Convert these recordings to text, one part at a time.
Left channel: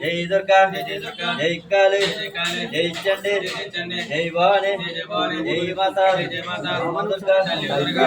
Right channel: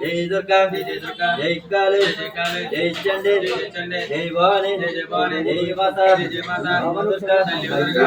జై దుర్గా జై కాళీ జై చండి జై భవాని జై మాతా అమ్మ దుర్గా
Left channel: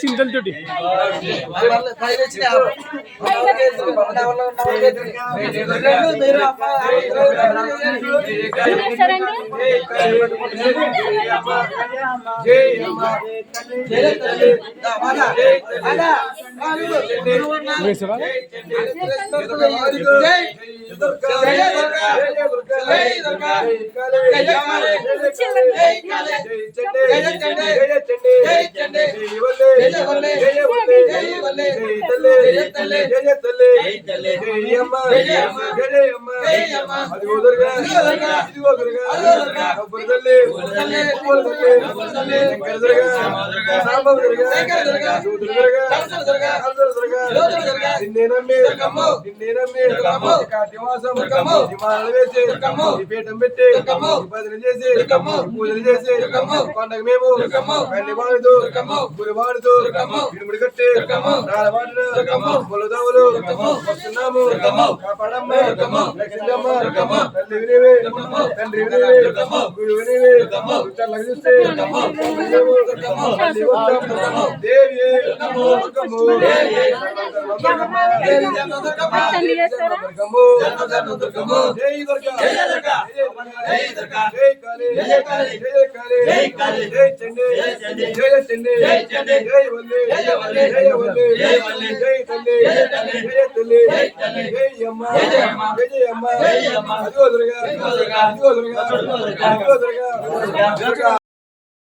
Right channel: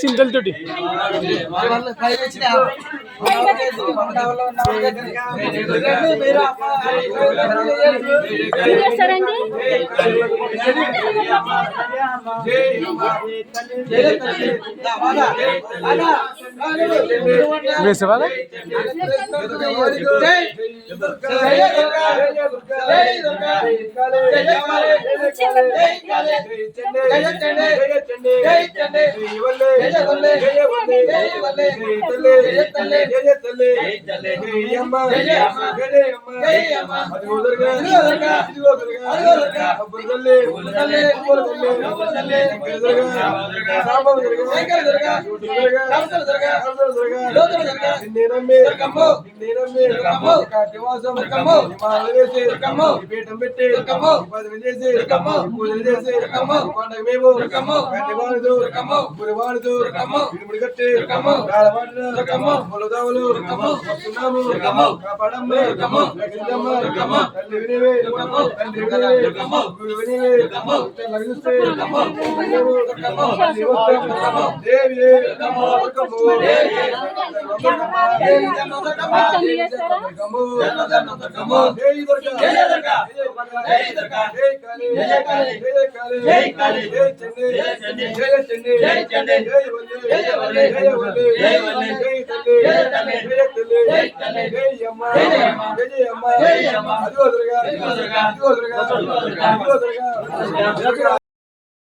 చింతలు తోటి వేసేవా పీఠం పెట్టి భజన చేసి పూజలు చేసి పండగ మేము కన్ని వాడుతూ గురి వాడుతూ ఇనుముడి కట్టి వాడిన పొలదావులు వస్తున్నాము కాపాడమ్మ రక్షించమ్మ తల్లి వినివే తండ్రి వినివే గురు వినివే చల్లగా చూస్తే దేవి జయ